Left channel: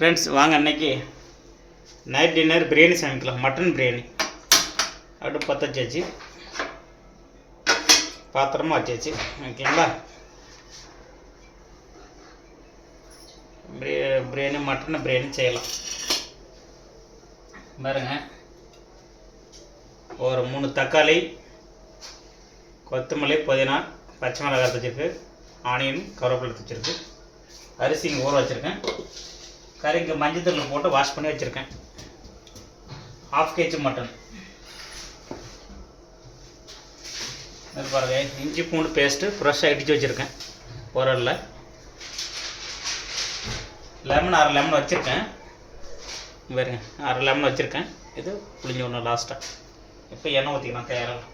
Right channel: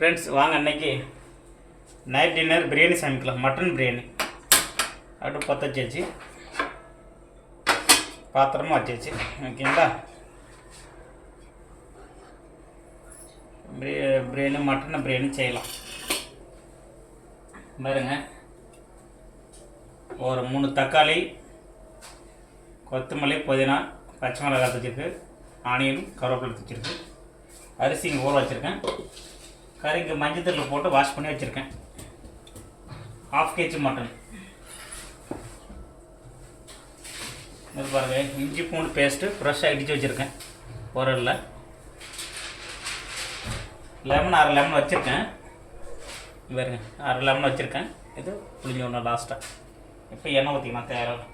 Friends வாங்க அன்னைக்கு night dinner biryani சமைக்கலாம். மட்டன் பிரியாணி அடுப்பு பற்ற வச்சாச்சு. பாத்திரமா வச்சாச்சு. ஓகேங்களா பிரியாணி மட்டன் பிரியாணி செய்யலாம். பாருங்க. ஒரு மூணு தக்காளி கொத்தமல்லி புதினா பச்சை மிளகாய் வச்சுருக்கு. ஆனியன் கருவேப்பிலை வச்சுருக்கு. அரிசி ஊற வச்சுருக்கேன். கறிக்கு மஞ்சத்தூள் மஞ்சள் போட்டு வாஷ் பண்ணி வச்சுருக்கேன். Half KG mutton. இது பாருங்க இஞ்சி பூண்டு பேஸ்ட்டு ஃப்ரெஷ்ஷாக இடித்து வச்சுருக்கேன். உரலில் லெமன் அரை லெமன் வச்சுருக்கேன். பாருங்க அரை லெமன் வச்சுருக்கேன். இது புளிஞ்ச ஒன்று லாஸ்ட்டாக இப்போ எண்ணெய் ஊற்றிக்கலாம் தேவையில்லை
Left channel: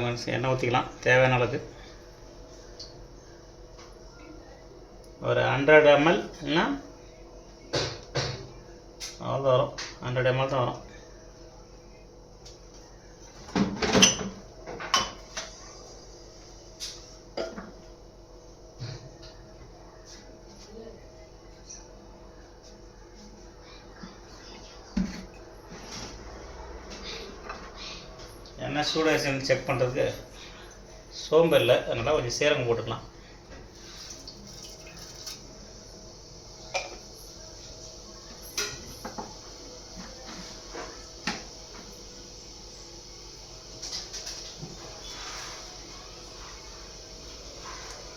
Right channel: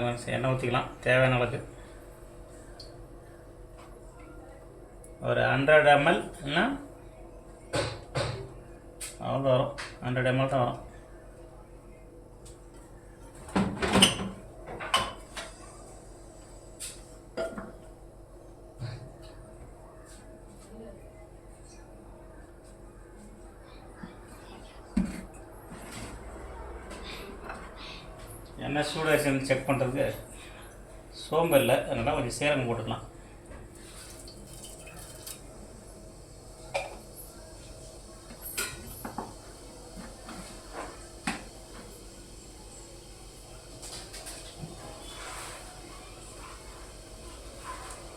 கொஞ்சம் எண்ணெய் ஊற்றிக்கலாம் தேவையான அளவுக்கு. ஒரு ஹண்ட்ரட் எம்எல் இல்லைன்னா அவ்வளோ வரும். ஹண்ட்ரட் எம்எல் தான் வரும். ஏன்னா சூடாக செக் பண்ணுறதுக்கு சோம்பு இல்லை அதனால் கொஞ்சம் சீரகம் போட்டுக்கலாம்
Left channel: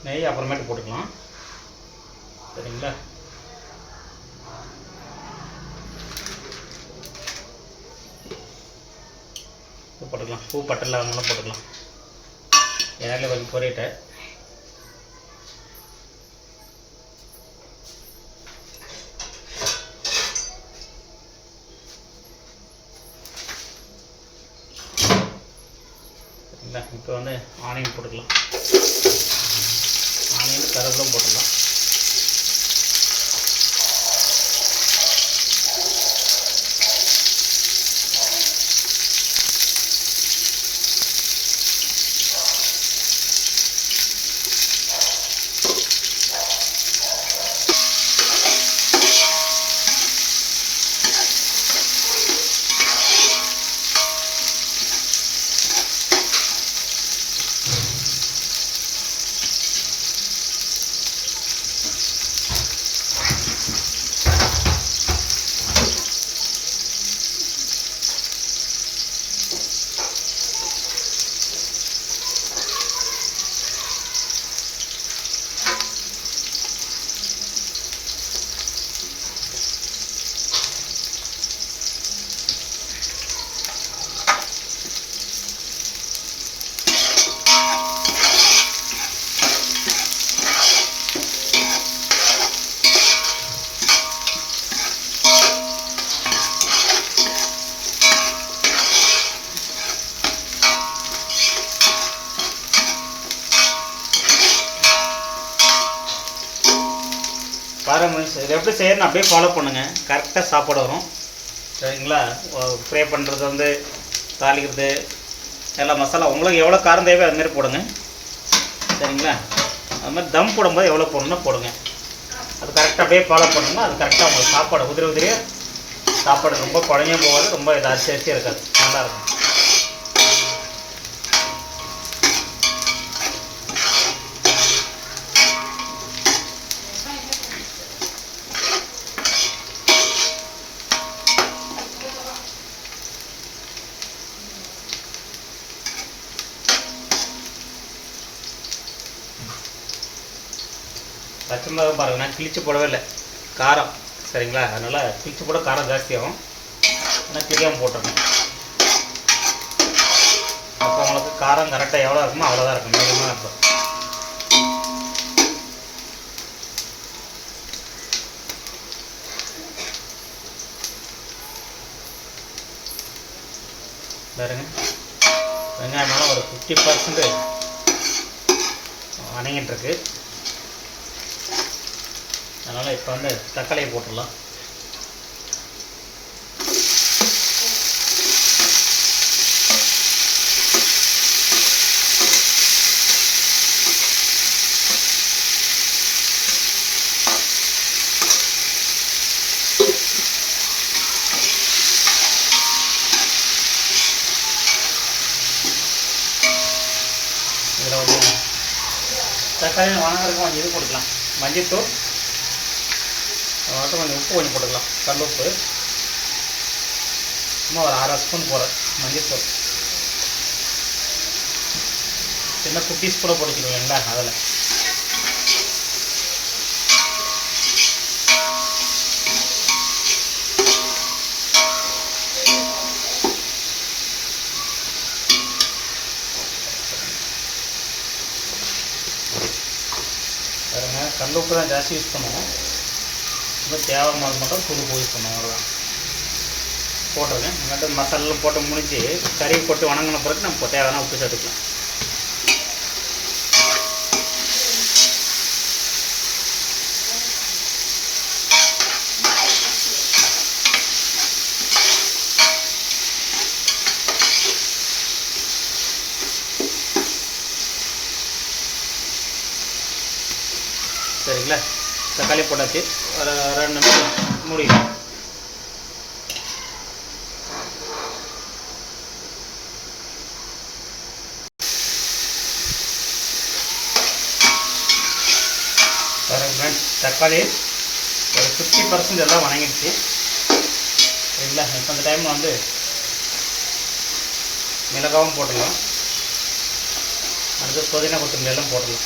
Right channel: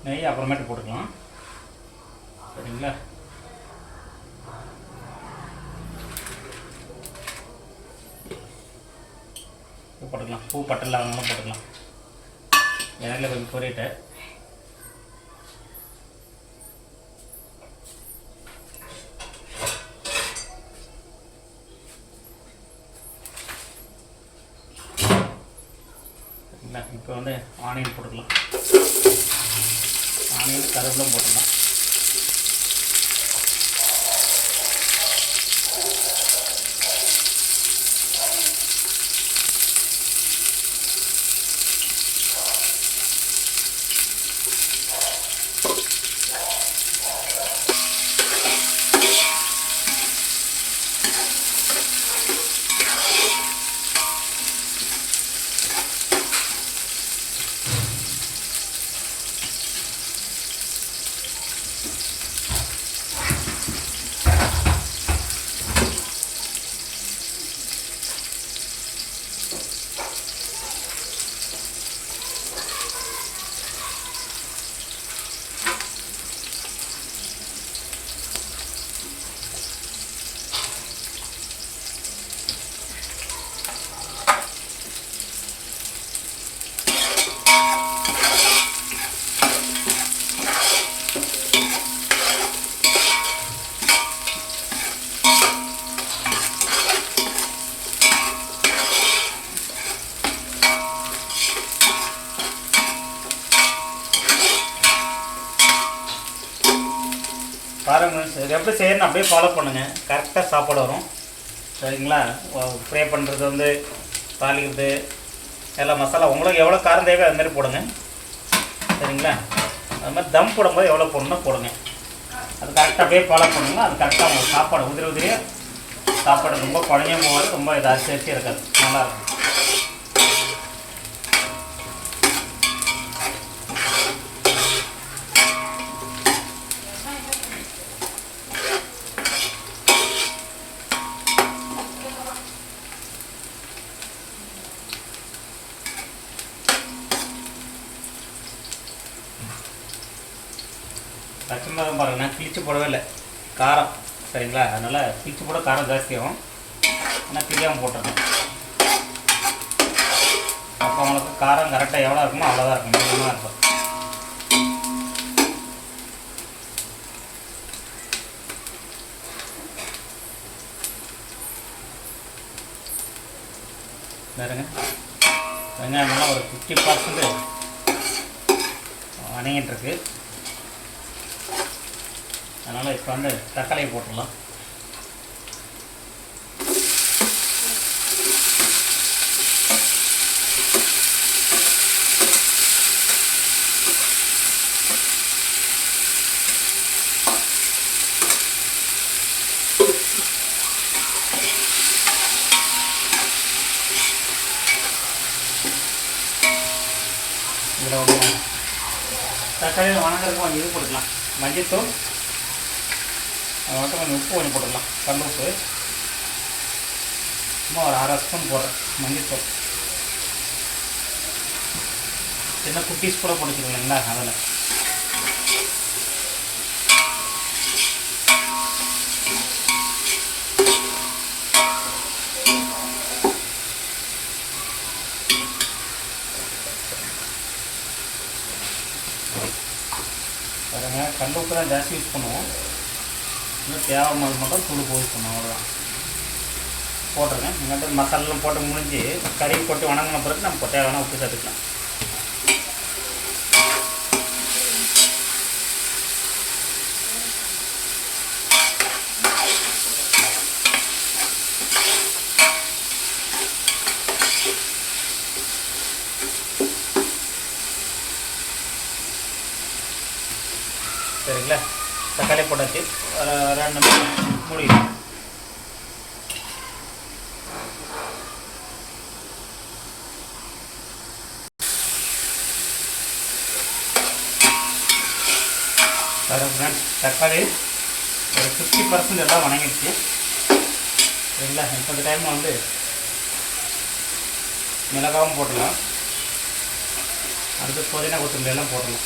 நெய் அப்புறமேட்டு போட்டுக்கலாம் சரிங்களா பூ பட்டலாம் அதனால போட்டுக்கலாம். எண்ணெயில் கொஞ்சம் பொரியட்டேன் இப்போ வந்து ஆனியன் போட்டுக்கலாம். ஆனியன் கருவேப்பிலும் போட்டுக்கலாம் பாருங்க இது எப்படி செய்யணும் அப்படியே ஃபாலோ பண்ணுங்கள் கரெக்டாக சாப்பாடு வரும். சரிங்களா? ஃப்ரை பண்ணுறது வந்து தாளிக்கிறது எல்லா மசாலா உங்களுக்கு எவ்வளோ காரம் தேவையோ அதுமாரி மாதிரி போடுங்க. சரிங்களா? அது மாதிரி தம் போடும்போது எவ்வளோ போடணும்னா போடுங்க. அது கரெக்டாக அப்படியே ஃபாலோ பண்ணுங்க. அது கரெக்டாக உங்களுக்கு சாப்பாடு உதிரி உதிரியாக சாப்பாடு ரொம்ப குழந்தையும் போகாது ரொம்ப இது அரிசி அரிசியாக இருக்காது நல்லாயிருக்கும் பச்சை மிளகாய் பாருங்க நான் கிழிச்சு போடவே இல்லை. காரம். சரிங்களா? அதனால் கிழிச்சு போட காரம் ஜாஸ்தியாகும் ஆனால் தெரியாமல் போட்டுருக்கேன் அப்போ உங்களுக்கு காரம் கரெக்டாக எவ்வளோ இருக்குமோ அவ்வளோதான் இருக்கும். மீடியமாக இருக்கும். பாருங்க. ஒரு ஃபிஃப்டி பர்சன்ட் வதங்கிட்டு இருக்கு. அதனால் இப்போ வந்து தக்காளியை போட்டுடலாம். இதில் தக்காளி வணங்குறதுக்கு கொஞ்சம் இது போட்டுக்கலாம். மஞ்சத்தூள் அது மட்டும் கொஞ்சம் உப்பு கொஞ்சம் போட்டுக்கலாம். கல் உப்பு. சும்மா ஒரு அரை ஸ்பூன் போடுறேன் மஞ்சத்தூள். சின்ன குட்டீஸ் கூட போட்டுக்கிறீங்களா அதில் பாருங்கள் கல் உப்பு தான் ஜாஸ்தி யூஸ் பண்ணுவோம். இன்னும் தேவையான மட்டும் தூள் யூஸ் அவ்வளோதான் போட்டிருக்கேன். இங்கே மசாலாலாம் போட்டு முடிஞ்சு கறி போட்டு வணங்கின பிறகு நம்ம தேவையான உப்பு சேர்த்துக்கலாம். சரிங்களா? தக்காளி போட்டாச்சு. ரெண்டு முடியும் தக்காளி ஒரு ஃபிஃப்டி பர்சன்ட் எல்லாம் வணங்கிடுச்சு. சரிங்களா? இப்போ அந்த டைமில் வந்து மிளகாவும் போட்டுடலாம் அடுத்து புதினா கொத்தமல்லி எல்லாம் போட்டுடலாம்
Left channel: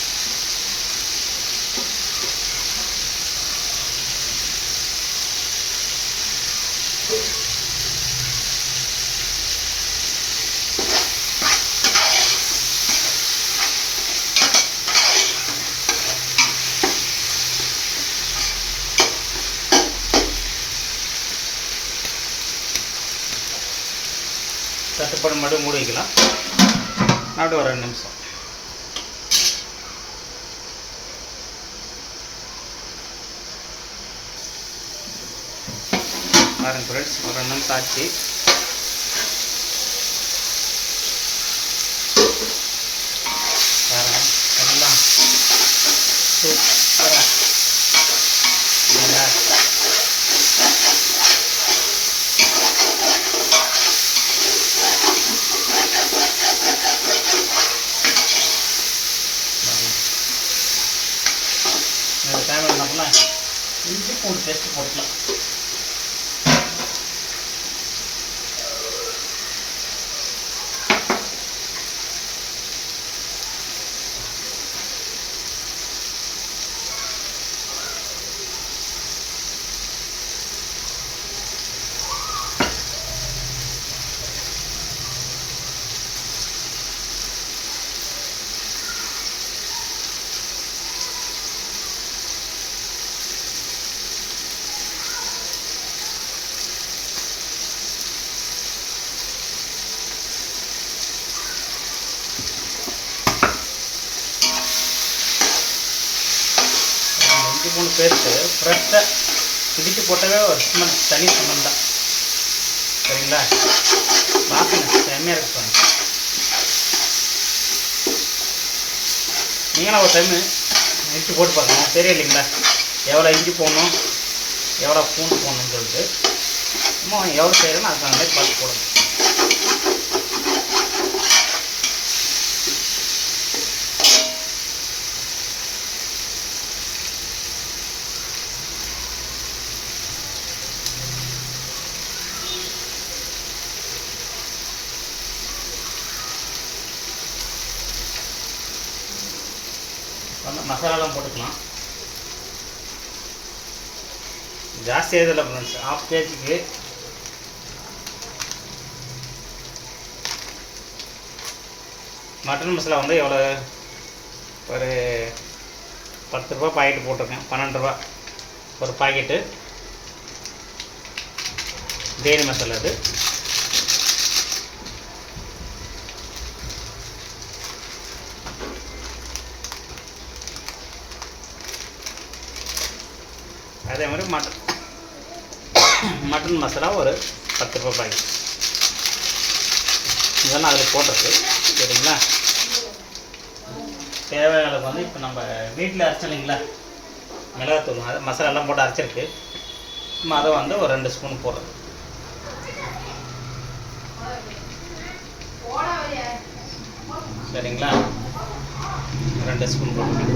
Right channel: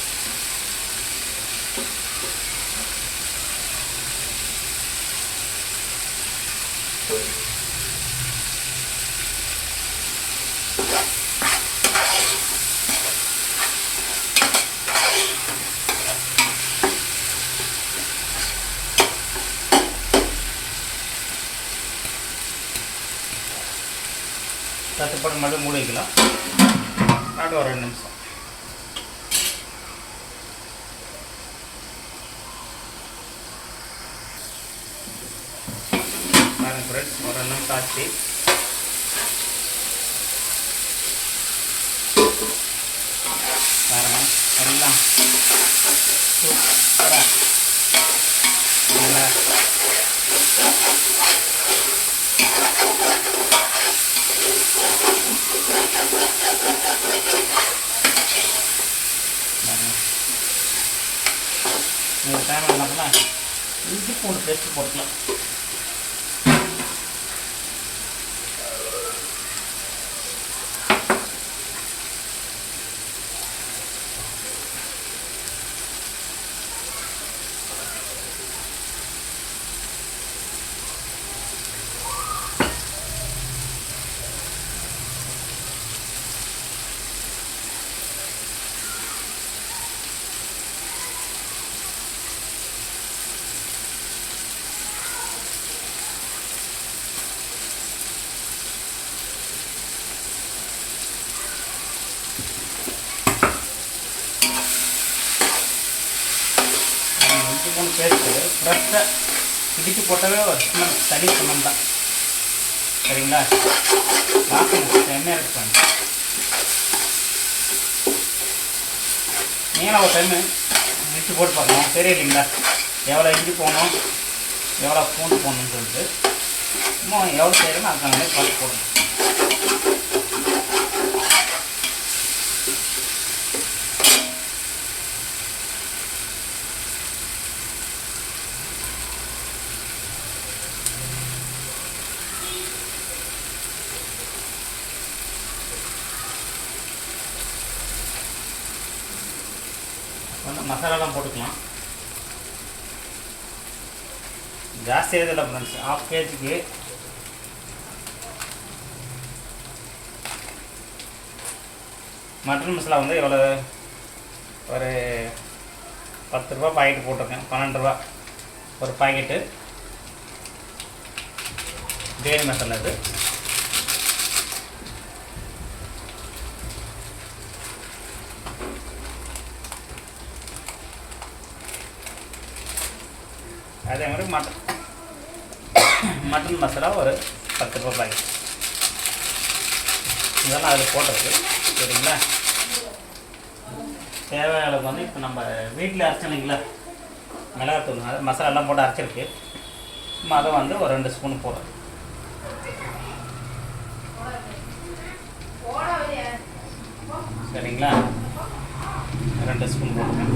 தட்டுப்பாடு மறுபடியும் மூடி வைக்கலாம். நாட்டு ஒரு ரெண்டு நிமிஷம். பாருங்க ஃப்ரெண்ட்ஸ் ஒரு எல்லாம் சூப்பராக நல்லா இந்த டைம் என்ன பண்ணலாம் இஞ்சி பூண்டு பேஸ்ட் போட்டுக்கலாம் இஞ்சி பூண்டு பேஸ்ட்டு ஃப்ரெஷ்ஷாக இடித்து போட்டாவே ஒரு ஸ்மெல் தனி ஸ்மெல் தான் சரிங்களா பார்க்கணும் செம்மையாக இருக்கும் நீங்களும் ஒரு டைமு மிக்சி போட்டு பார்க்கலாம் சரி இல்லைங்களா? எவ்வளோ இஞ்சி போகணும் எவ்வளோ பூண்டு போகணும்னு சொல்லிட்டு. இன்னும் எவ்வளோ செய்யணுமோ அதுக்கான மாதிரி பார்த்து போடணும் வந்து மசாலாலாம் போட்டுக்கலாம். ஜாஸ்தியாக இதெல்லாம் ஃப்ரெண்ட்ஸ் ஹாஃப் கேஜிக்கு மட்டன் மசாலா வந்து எவ்வளோ ஒரு பத்து ரூபா பாக்கெட் போட்டிருக்கேன். பன்னெண்டு ரூபா ஒரு பாக்கெட்டு பிரியாணி மசாலா அது. அதே மாதிரி மட்டன். மட்டன் மசாலா ஒரு பத்து ரூபாய் பாக்கெட் இதெல்லாம் அதில் போட்டது சரிங்களா? தேவையான அளவுக்கு வந்து இப்போ நம்ம வீட்டில் அரைச்சோம் மிளகாத்தூள் அது மசாலாலாம் போட்டு அரைச்சிருக்கு. நம்ம அதை வந்து ஒரு ரெண்டு ஸ்பூன் போடுறது சரிங்களா? ரெண்டு ஸ்பூன் போட்டு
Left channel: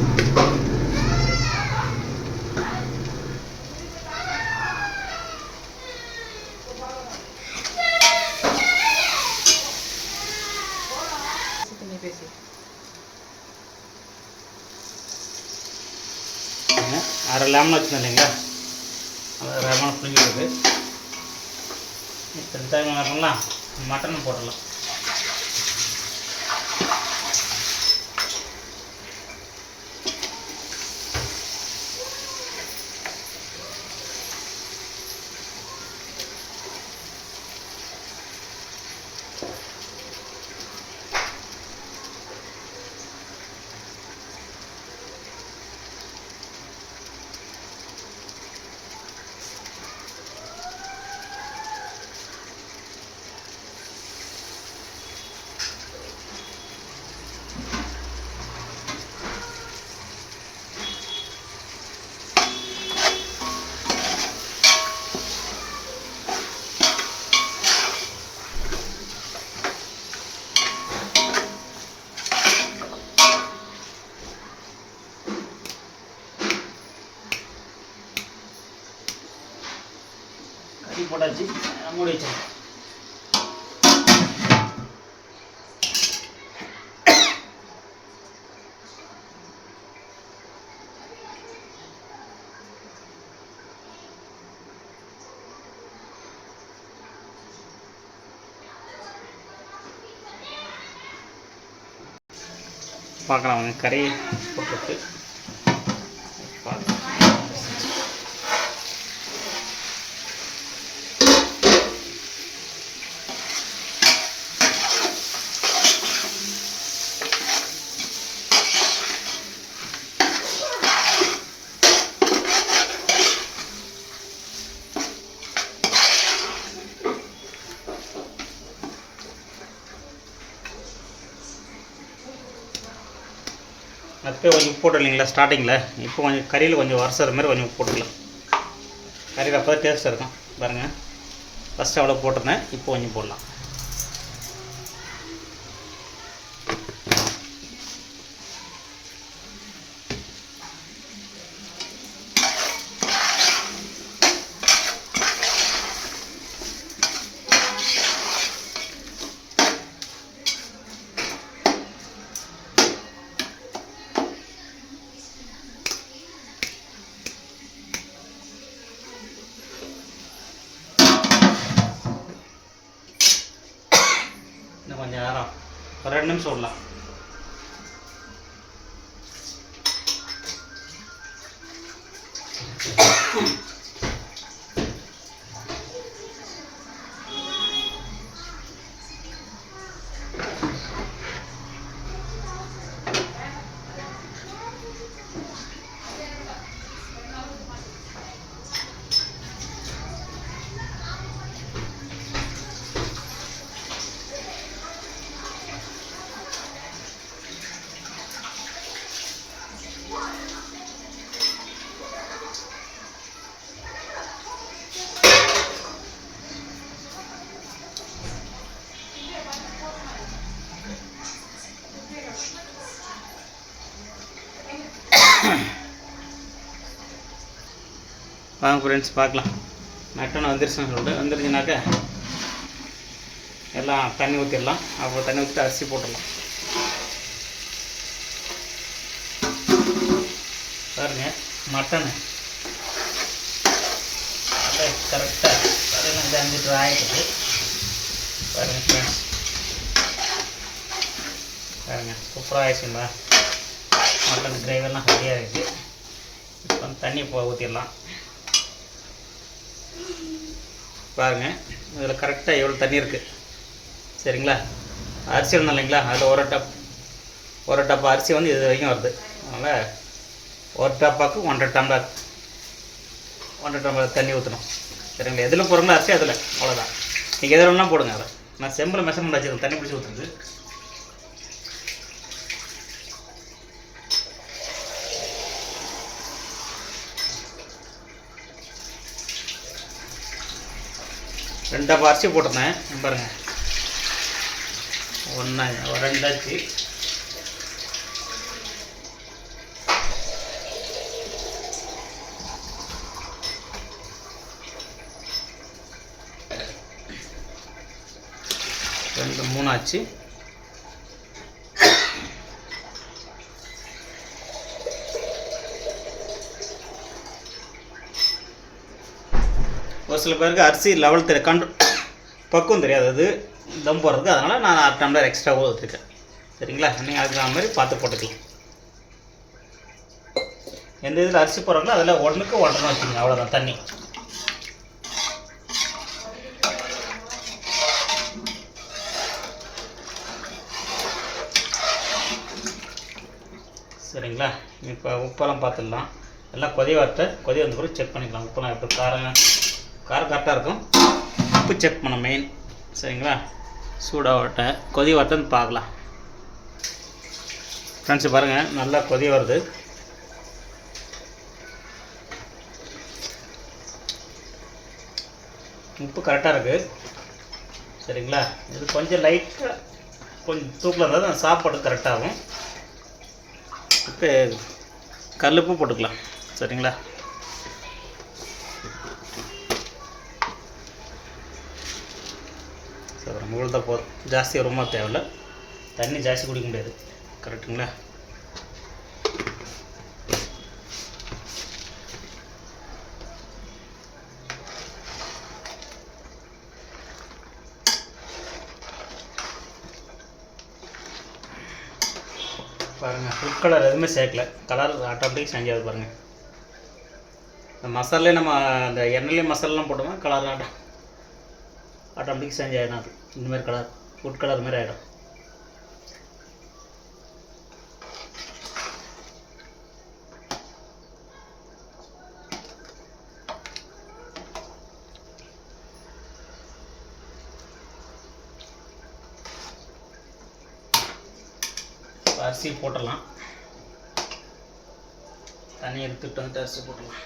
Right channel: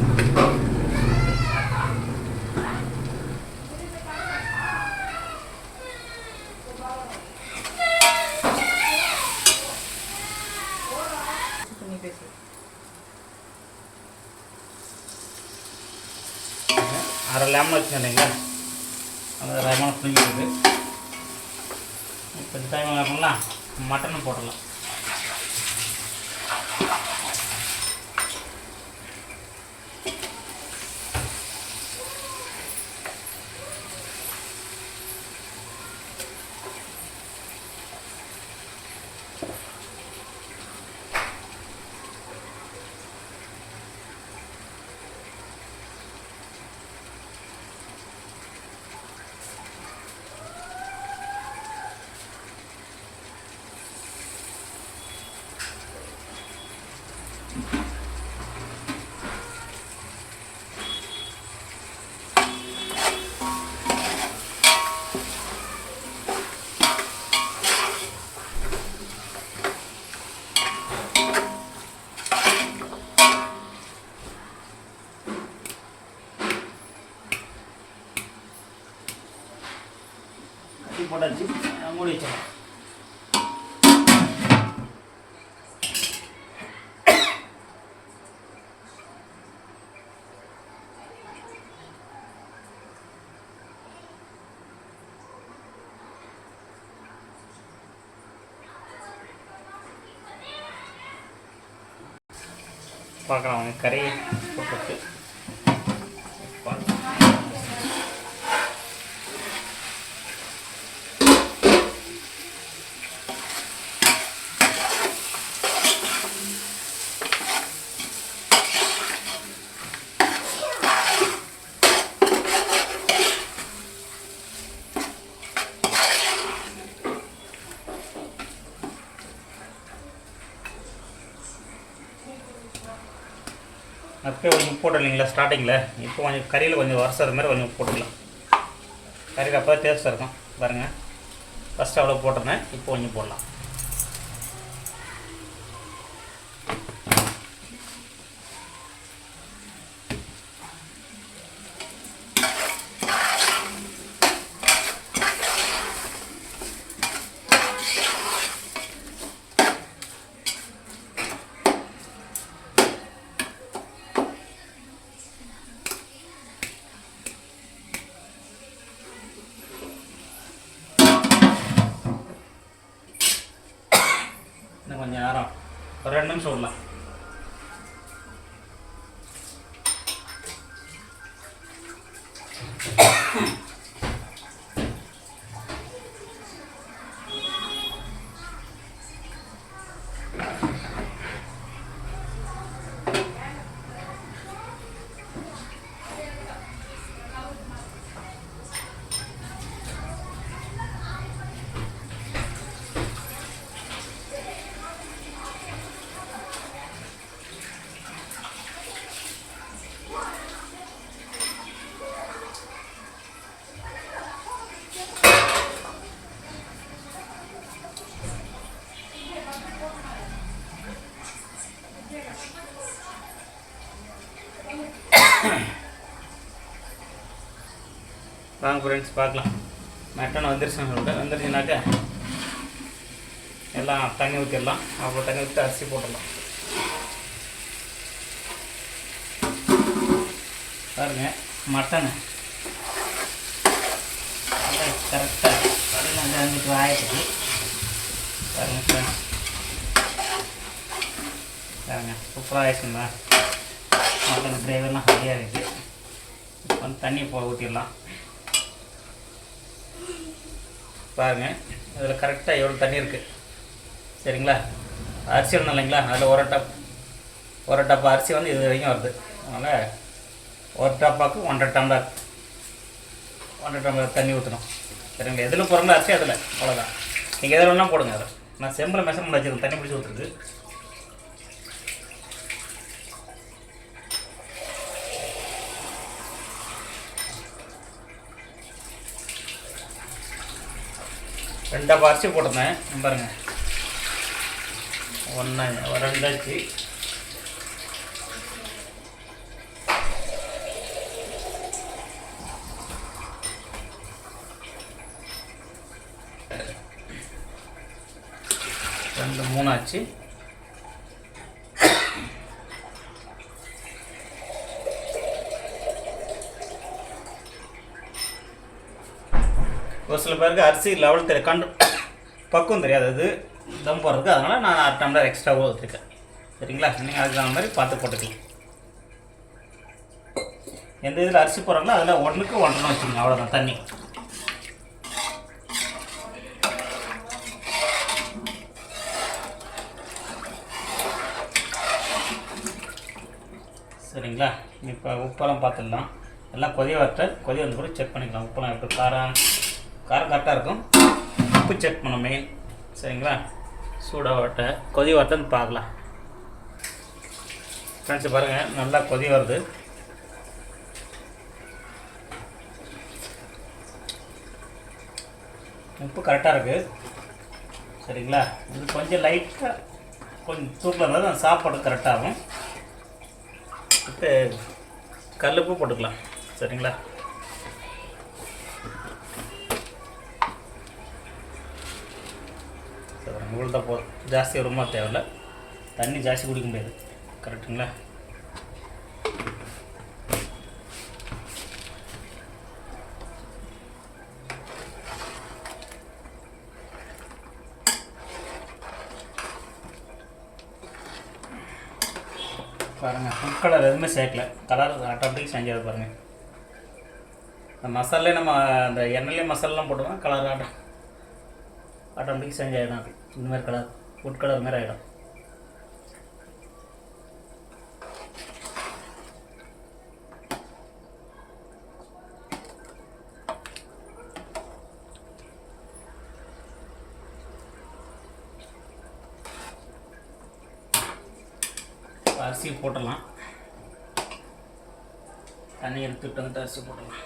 அரை லெமன் வச்சுருந்தோம் இல்லைங்களா? அது லெமனை புளிஞ்சிருக்கு இப்போ டைம் வரலாம் மட்டனும் போடலாம் அடைச்சி மூடி வச்சிடலாம் பார்க்கலாம் கரையை கறி போட்டுருக்கு கொஞ்சம் உப்பு இல்லைங்களா ஸ்டார்டிங்கில் இப்போ கொஞ்சம் கறியில் கொஞ்சம் வரசது மாதிரி கொஞ்சம் உப்பு போட்டுக்கலாம். கறியில் அப்போ டேஸ்ட்டாக இருக்கும். பாருங்கள் ஃபஸ்ட்டு அவ்வளோ போட்டிருந்தேன். இப்போ கொஞ்சம் போடலாம். ஃப்ரெண்ட்ஸ் பார்க்கலாம். மட்டன் வந்துருச்சுன்னு சொல்லிட்டு வந்துருச்சுனாக்கா எல்லாம் தண்ணி ஊற்றிடலாம் அப்புறம் தண்ணி ஊற்றி அரிசி போட்டுடலாம். பாருங்க மட்டன். கரெக்டாக பதினஞ்சு அஞ்சு லிட்டர் பாருங்க ஃப்ரெண்ட்ஸ் பாருங்க சூப்பராக ஆயிடுச்சுங்களா மட்டன் கிரேவெல்லாம் ரெடியாக இருக்குது இப்போ தண்ணி ஊற்றிடலாம் பாருங்கள் இதில் கரெக்டாக எவ்வளோ தண்ணி இருக்குது சரிங்களா? அரிசி இருந்தோம் இல்லைங்களா? அதில் ஒரு டப் ஒரு டப்பா அரிசி வந்து இது வரைக்கும் வருது. அதனால் ஒரு டப்பாக்கு ஒன்றரை டம்ளர் ஒன்றரை டம்ளர் தண்ணி ஊற்றணும் சரிங்களா? எதில் போடுறோமோ அரிசி அதில். அவ்வளோதான் நீங்கள் எதில் வேணால் போடுங்க அதை நான் செம்பில் மெஷர்மெண்ட் வச்சுருக்கேன். தண்ணி பிடிச்சி ஊற்றுறது ரெண்டை அரிசி போட்டிருந்தேன். நம்பருங்க ஒன்றா ரெண்டாச்சு ரெண்டு மூணாச்சு ரெண்டு மூணு ஆச்சு ஒரு சில பேருக்கு அரிசி லெவல் தெரிய கண்டு பக்குவம் தெரியாது. அது தம் போகிறதுக்கு அதனால் நான் அரை டம்ளர் எக்ஸ்ட்ரா வச்சுருக்கேன். சரிங்களா? நீங்கள் அதுக்கு தகுந்த மாதிரி பார்த்து போட்டுக்கலாம். எந்த இதில் அரிசி போடுறாங்களோ அதில் ஒன்றுக்கு ஒன்றரை வச்சுக்கோங்க அவ்வளோதான் தண்ணி. சரிங்களா? இப்போ உப்பெல்லாம் பார்த்துடலாம். எல்லாம் கொதி வார்த்தை கொதி வந்த பிறகு செக் பண்ணிக்கலாம். உப்பெல்லாம் இப்போ காரம் காரம் கரெக்டாக இருக்கும். உப்பு செக் பண்ண மெயின் சரிங்களா? சூடாக வாட்டை கொதி வார்த்தைன்னு பார்க்கலாம். ஃப்ரெண்ட்ஸ் பாருங்கள் நல்லா கொதி வருது. உப்பு கரெக்டாக இருக்குது சரிங்களா? இது கொஞ்சம் லைட்டாக கொஞ்சம் தூக்கில் இருந்தால் தான் சாப்பாடு கரெக்டாகும் இப்போ கல்லுப்பு போட்டுக்கலாம். சரிங்களா? சரி உங்களுக்கு போதும். ஜாஸ்தி ரொம்ப தேவையில்லை. தண்ணி ஜாஸ்தி குடிக்க முடியாது. கரெக்டுங்களா? பாருங்கள் ஃபுட் கலர் எதுவுமே சேர்க்கல. கலர் ஆட்டோமேட்டிக் செஞ்சது பாருங்கள் இந்த மசாலே நம்ம அந்த எண்ணெயிலே மசாலெலாம் போட்டோம்னா கலர் ஆட்டோ ஆட்டோமேட்டிக் செஞ்சு அது. இந்த மாதிரி கலர் ஃபுட் கலர் மாதிரி ஆகிடும் அரிசி போட்டுடலாம். தண்ணி எடுத்துட்டு வந்துட்டு அரிசி போட்டுடலாம்.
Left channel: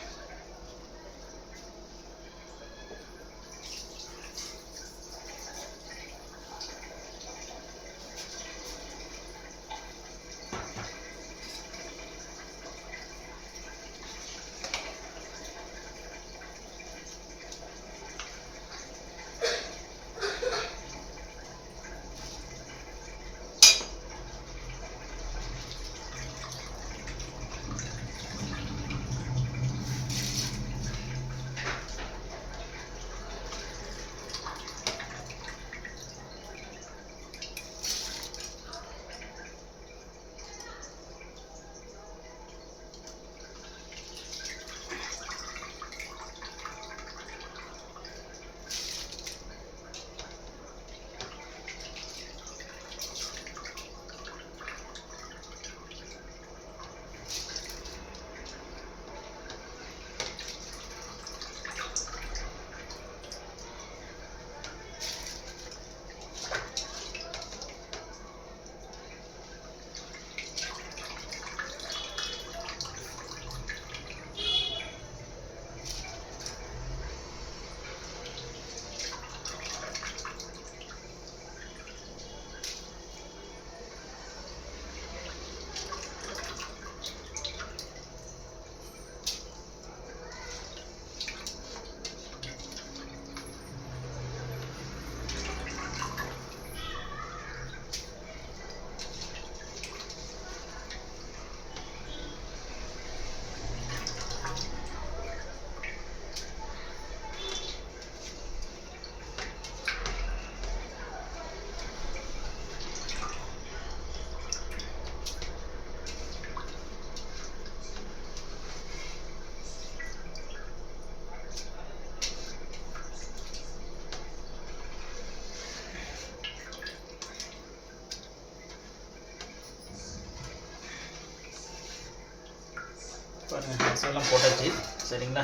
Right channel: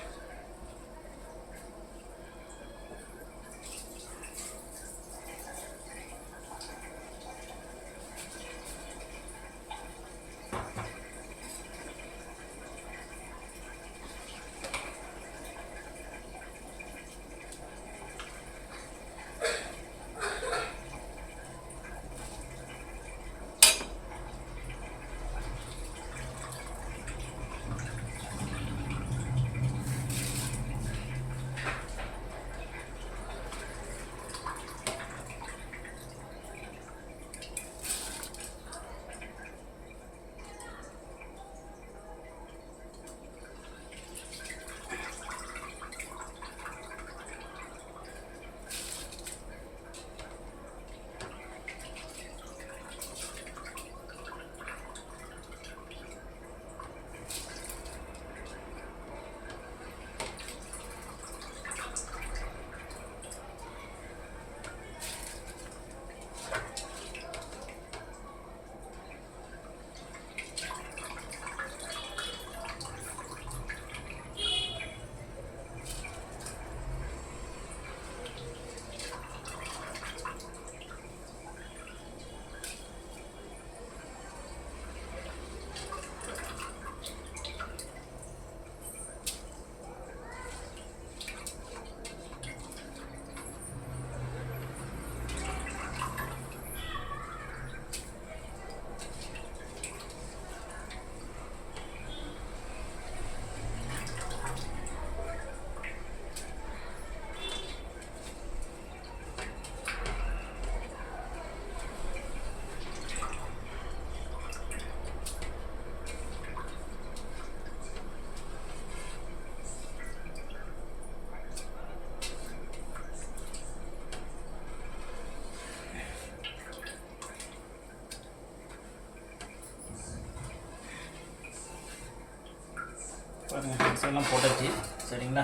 பாருங்கள் எல்லாம் போட்டாச்சு. சரிங்களா?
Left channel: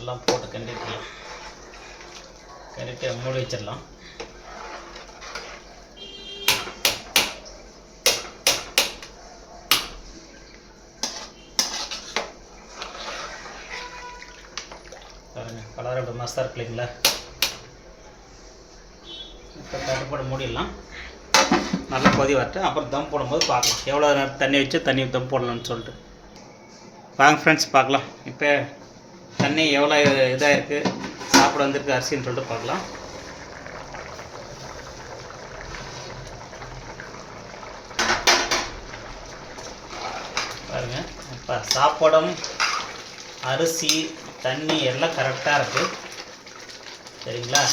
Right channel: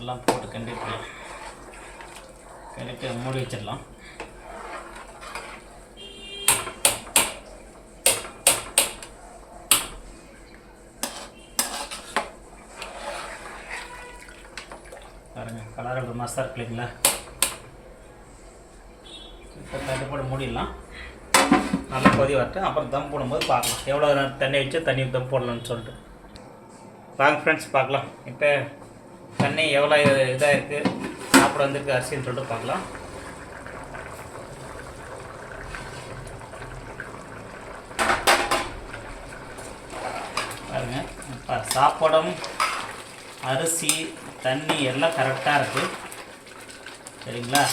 எல்லாம் போட்டு கண்டிப்பாக கண்டிப்பாக மூடி வச்சிடலாம். பாருங்கள் கலர் ஒரு மஸ்தாக இருக்கு இல்லைங்களா இப்போ தட்டுப்பாடு மூடிடலாம். நல்லா கொதி வரட்டும். அப்புறம் தம் போடும்போது பார்க்கலாம். எவ்வளோ நேரம் தண்ணி வச்சு தண்ணி தம் போடலாம்னு சொல்லிட்டு. வாங்க ஃப்ரெண்ட்ஸ் பார்க்கலாம். இப்போ தண்ணி எவ்வளோ இதாக இருக்குது சாப்பிட வந்துருக்கு அரிசின்னு சொல்லிட்டு பார்க்கலாம். பாருங்க இப்போ சாப்பாடும் அரிசி தண்ணி எல்லாம் கரெக்டாக இருக்குது சரிங்களா?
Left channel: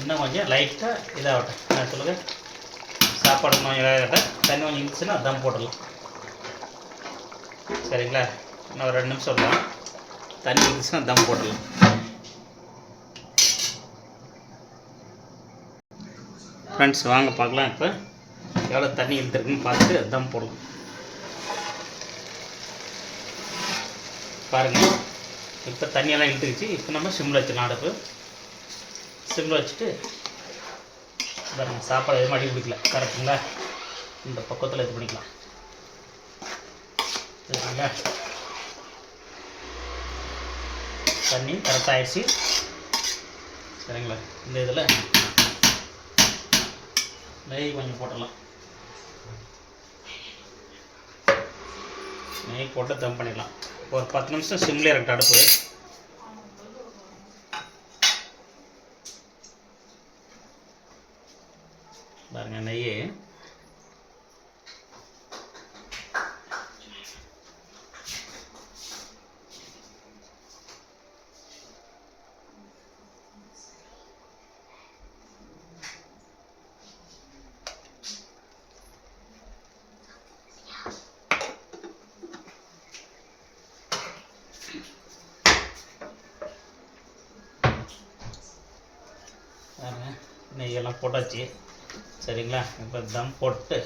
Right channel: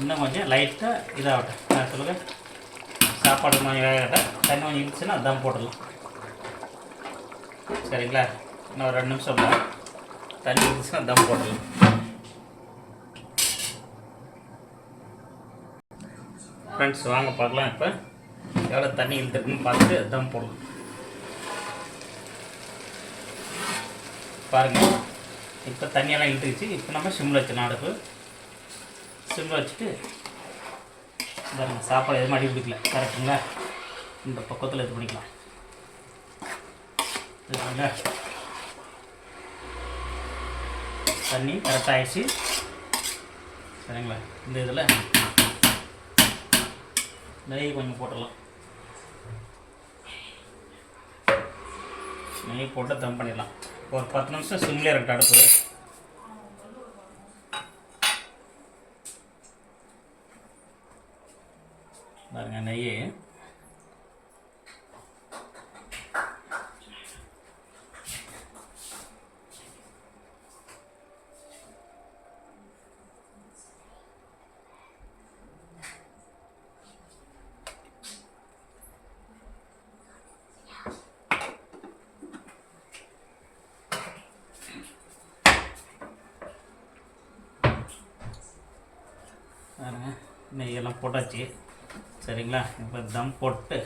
இன்னும் கொஞ்சம் லைட்டாக இதாகட்டும். சொல்லுங்கள் சாப்பாடு கொஞ்சம் தண்ணி கொஞ்சம் இருந்துச்சுன்னா அதான் போடலாம் சரிங்களா? இன்னும் ஒரு ரெண்டு நிமிஷம் தான் தண்ணி இருந்துச்சுன்னா தம் போட்டு ஃப்ரெண்ட்ஸ் வாங்க பார்க்கலாம் இப்போ. எவ்வளோ தண்ணி இழுத்துருக்குன்னு பார்த்துட்டு தம் போடலாம். பாருங்கள் இப்போ தண்ணியெல்லாம் இழுத்துக்கிச்சு இப்போ நம்ம சிம்மில் வச்சிடலாம் அடுப்பு சிம்மில் வச்சுட்டு பாருங்கள் சாப்பாடு எதுவும் அடி பிடிக்கல கரெக்டுங்களா? இந்த பக்கத்தில் இது பண்ணிக்கலாம். சரிங்களா தண்ணி கரெக்டாகிடுச்சு சரிங்களா? இந்த இதில். நெய் கொஞ்சம் போட்டுடலாம். நெய் போட்டு தம் பண்ணிடலாம். ஒரு பத்து நிமிஷம் சிம்லேயே இருக்கட்டும் அடுப்பு பாருங்க நெய் பாருங்க நெய்யெல்லாம் போட்டாச்சு சரிங்களா? இப்போ தம் போட்டு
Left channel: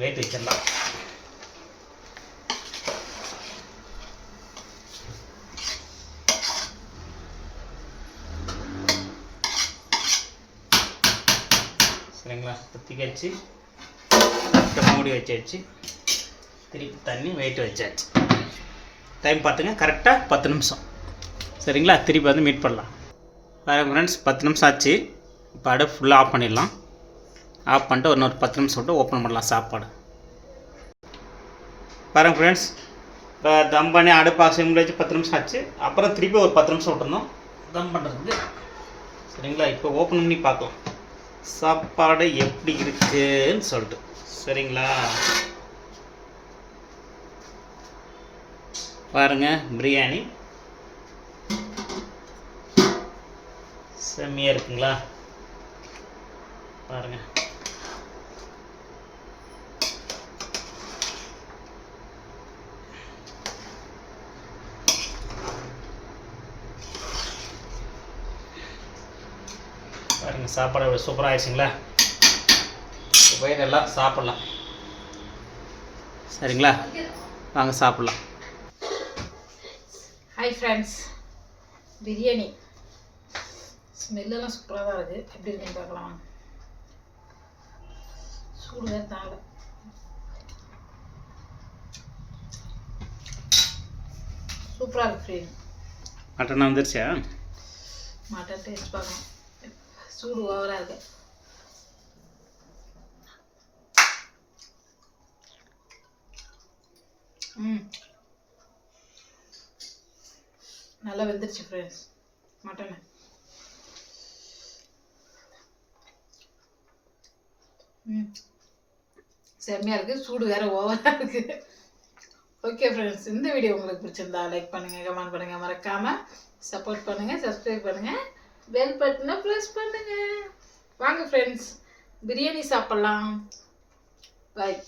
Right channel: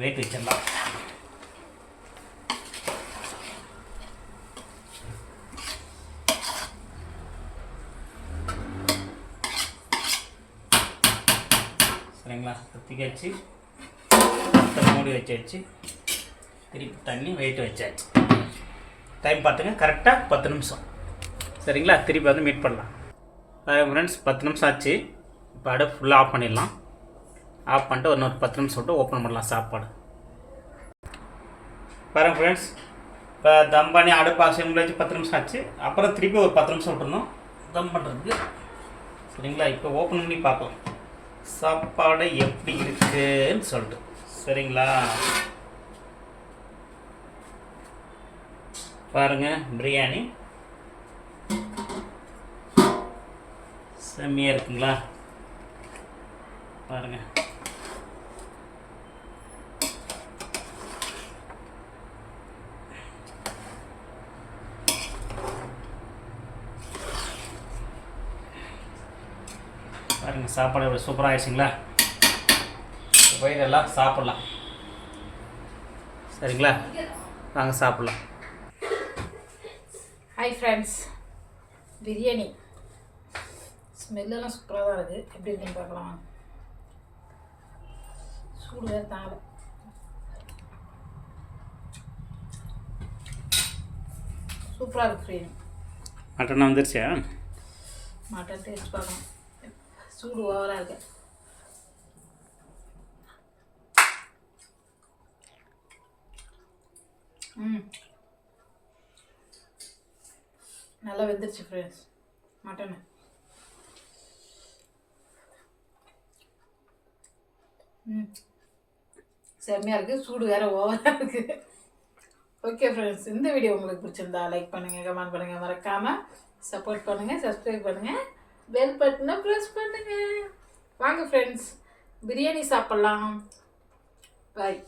வெயிட் வச்சிடலாம். சரிங்களா? குத்திக்கச்சு மூடி வச்சாச்சு. திருப்பி தண்ணி வெயிட் வச்சாச்சு. டைம் பார்த்துங்க கரெக்டாக பத்து நிமிஷம். சரிங்களா? திருப்பி வந்து மீட் பண்ணலாம். வேறு ஃப்ரெண்ட்ஸ் பத்து நிமிஷம் ஆச்சு. இப்போ அடுப்பு ஃபுல்லாக ஆஃப் பண்ணிடலாம். ஆஃப் பண்ணிட்டு ஒரு இன்னொரு பத்து நிமிஷம் விட்டு ஓப்பன் பண்ணலாம் சாப்பாடு. பாருங்கள் ஃப்ரெண்ட்ஸ் இப்போ தம் பண்ணி அடுப்பு அசைமில் வச்சு பத்து நிமிஷம் ஆச்சு. அப்புறம் திருப்பி ஒரு பத்து நிமிஷம் விட்டுருந்தோம் தம் பண்ணுறதுக்கு சரிங்களா? இப்போ ஓப்பன் பண்ணி பார்க்கலாம். சாப்பாடு எப்படி இருக்குன்னு சொல்லிட்டு. சரிங்களா? பாருங்க பிரியாணி. செம்மியாக இருக்குங்களா? பாருங்கள் பாருங்க சாப்பாடு எவ்வளோ சூப்பராக ஆயிடுச்சுங்களா? இப்போ எல்லாம் சாப்பிட்லாம். சரிங்களா? வாங்க சாப்பிட்லாம். ஹாய் ஃப்ரெண்ட்ஸ் பிரியாணி ஸ்மெல்லெல்லாம் சூப்பராக தான் இருக்குது எப்படி இருக்குன்னு பார்க்கலாம். வாங்க. சூடு வேறு தாங்கலை. சூப்பராக இருக்குது ஃப்ரீ மட்டன் வந்துருச்சா? மட்டன் டேஸ்ட் பார்க்கலாம். சூடு ஓவராக இருக்கு. ம். நல்லா வெந்துருச்சு ஃப்ரெண்ட்ஸ் மட்டனு ம். செம்மையாக இருக்குது சூடு வேறு ஓவராக இருக்குது ஓகே ஃப்ரெண்ட்ஸ் இந்த வீடியோ உங்களுக்கு பிடிச்சிருந்தா லைக் பண்ணுங்கள் கமெண்ட் பண்ணுங்கள் மறக்காமல் சப்போர்ட் பண்ணுங்கள் சப்ஸ்கிரைப் பண்ணுங்கள் பெல் பட்டனை ப்ரெஸ் பண்ணுங்கள் வாங்க ஃப்ரெண்ட்ஸ் பிரியாணி சாப்பிட்லாம். பாய்